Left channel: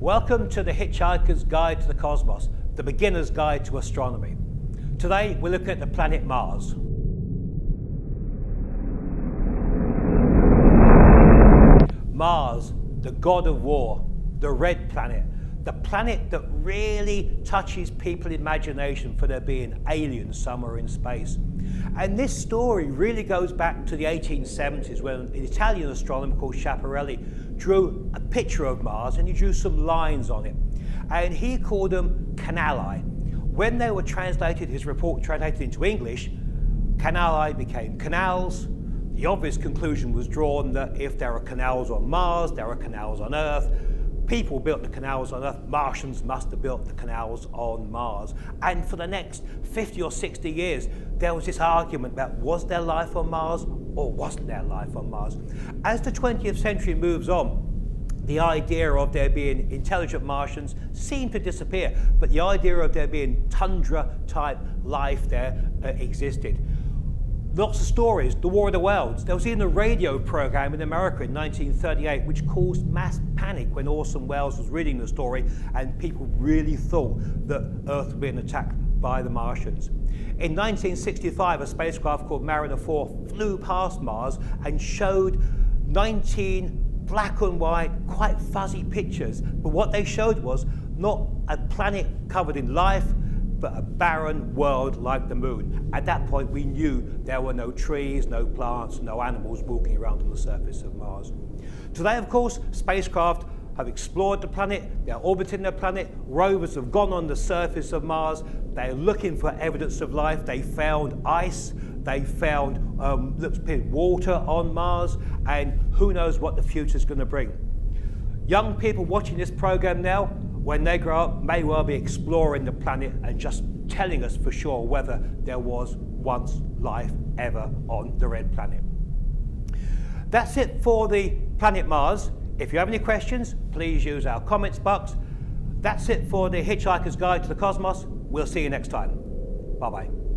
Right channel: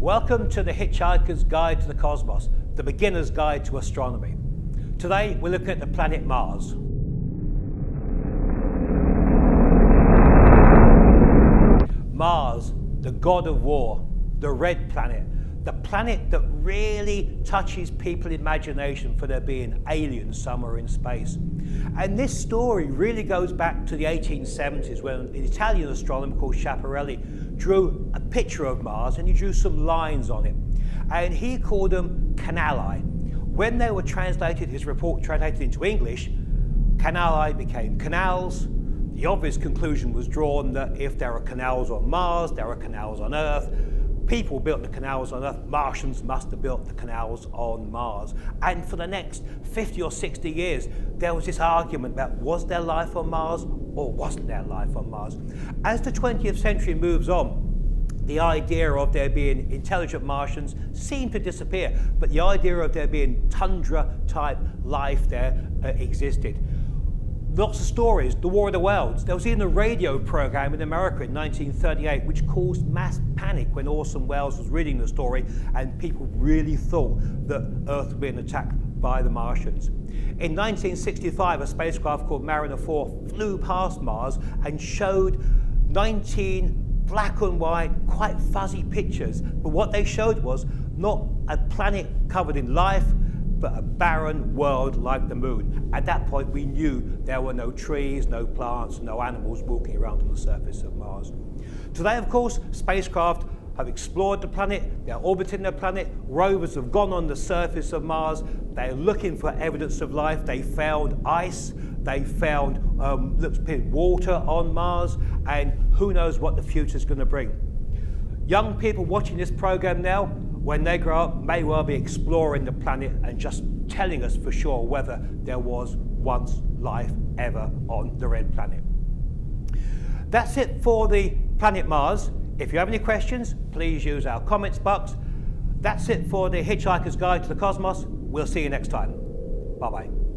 Welcome to the Hitchhiker's Guide to the Cosmos, the beginner's guide to astronomy. Today we're looking at the planet Mars. Mars, the god of war, the red planet, the planet that really touches people's imagination for there being aliens somewhere in space. And this story really goes back to the 1870s when an Italian astronomer called Schiaparelli drew a picture of Mars and he drew some lines on it. And he called them canali. When they were translated, his report translated into English, canali became canals. The obvious conclusion was drawn that if there are canals on Mars, there are canals on Earth. People built the canals on Earth, Martians must have built the canals on Mars. And for the next 50 or 60 years, there was this argument about was there life on Mars or wasn't there life on Mars? As the 20th century moves on, the idea of there being intelligent Martians seemed to disappear, but the idea of there being tundra-type life there existed. Lots of stories, the War of the Worlds. There was even a radio program in America in 1938 which caused mass panic when Orson Welles was reading the story and people really thought that Earth was being attacked by the Martians. In 1965, a spacecraft called Mariner 4 flew past Mars and showed 19 black and white, quite fuzzy pictures. But what they showed was not a planet covered in life, but a barren world like the moon. At that point, we knew there were no trees, no plants, no animals walking around on the surface of Mars. Today, of course, spacecraft have explored the planet, they're orbiting the planet, rovers have gone on the surface of Mars, they're looking for evidence of life, they found ice, they found water on Mars, and who knows what the future's going to bring. Young people watching this program now, when they grow up, may well be exploring the planet and just telling us for sure whether there was once life ever on the red planet. That's it for the planet Mars. If you have any questions, please use our comments box. That's it for the Hitchhiker's Guide to the Cosmos. We'll see you next time. Bye-bye.